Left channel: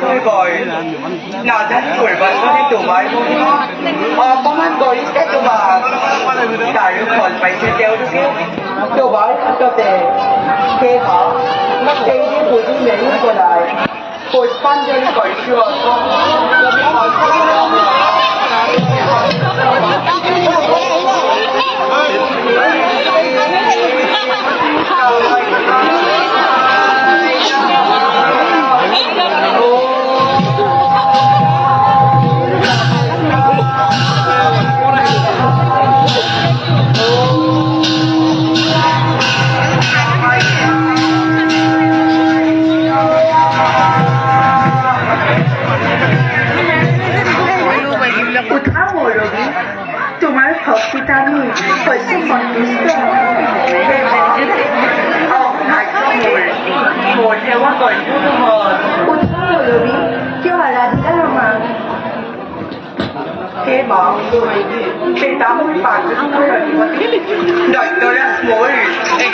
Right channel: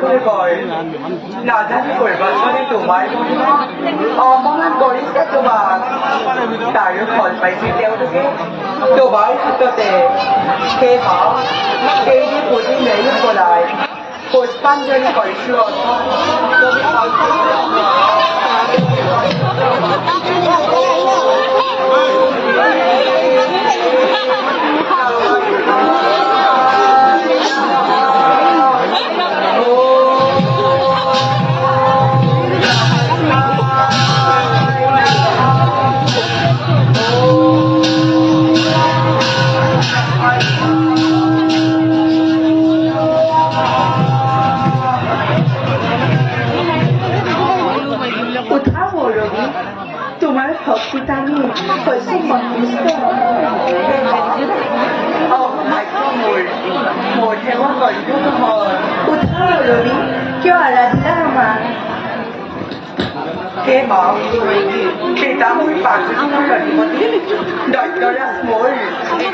tôi gọi là dân của bạn có đi tủ máy công an gọi các cho bà tại lúc còn phải chơi kéo được kia tủ máy cho tệ kê họ kê đi của đi mấy nhất của lại của ban dân gọi chưa তোমার ভক্তিটা আমি হয়েছে সন্তুষ্ট một theo con gọi chung hồn উৎসাহ রবি কিয় আৰাধিকা আমাৰ সেই bảo khi ta mới phản ứng tôi là đợi tôi ra mỗi thì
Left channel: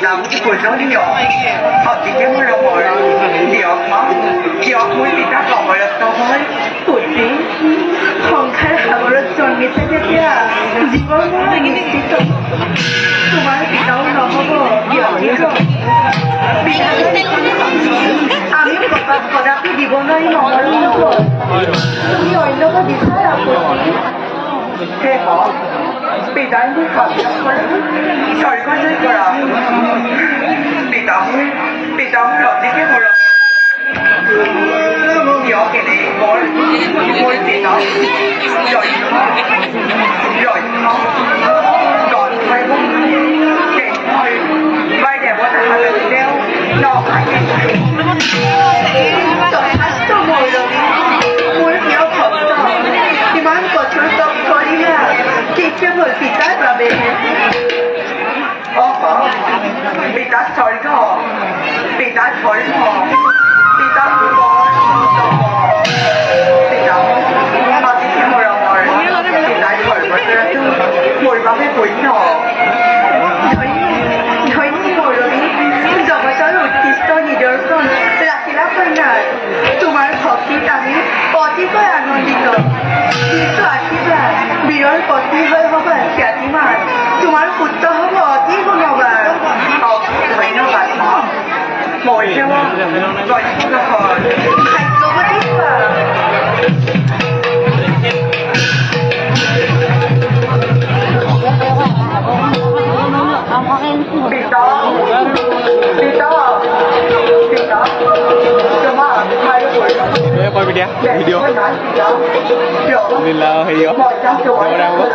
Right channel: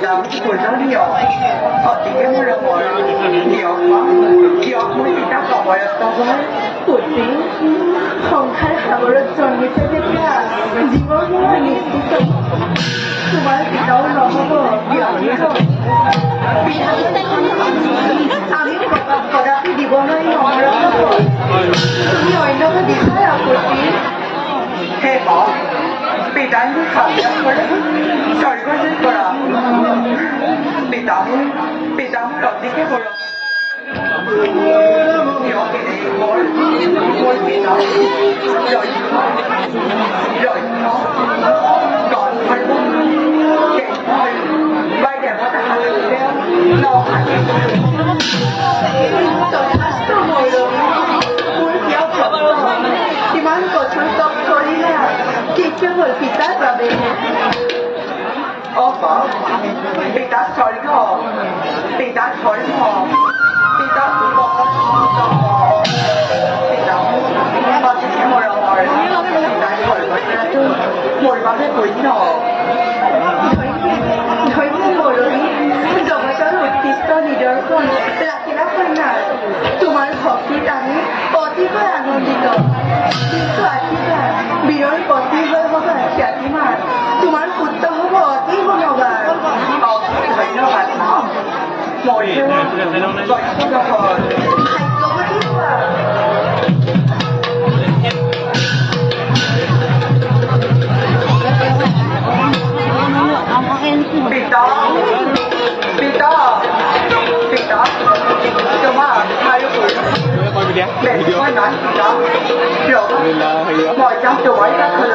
làm của giống nhỏ họ chỉ cái mới là mọi nhỏ mà nhỏ mới thì ta còn mà là tao mới của tí không khai là một lần chọn người ta biết ya জীবন পুরো নিশ্চিত তোমার পিতাও নহব আমি প্রকাশ কদাপি দিব নোৱাৰি মৰম তুমি অন্যকে বিচাৰ আপত্তি হে হওক পিতাই মোক সাক্ষাৎ কৰে স্বৰ্গলৈ কৰা পিতামোৰ অতিকে মৰম কিয়কে মোৰ মোৰ পিতা còn phải muốn để thôi bay đẹp quá thằng lừa đeo nó phải tôi ngồi rồi muốn kéo khẩu thì mang của chúng tôi có đi là khi chưa hồi bị tát là về bị tát thôi có bị tát thôi có bị tát thôi có bị tát mà cái gì mà rồi bị tát thôi ngồi vào cái quỷ nhỏ nói ngồi rồi giờ mà tới một tí tôi nhìn được con là khi đã phân này তোমার ভক্তি আমি অতিশয় আনন্দিত কিন্তু আশীর্বাদ বিৰল পত্নী হৈ হ'ব খ্যাতিমান তোমাৰ পুত্ৰ হ'ব অতি গুণৱান ধন্যবাদ মই সেৱা ভাগ্যৱতী হোৱা coi video mình là video mình là đâu đấy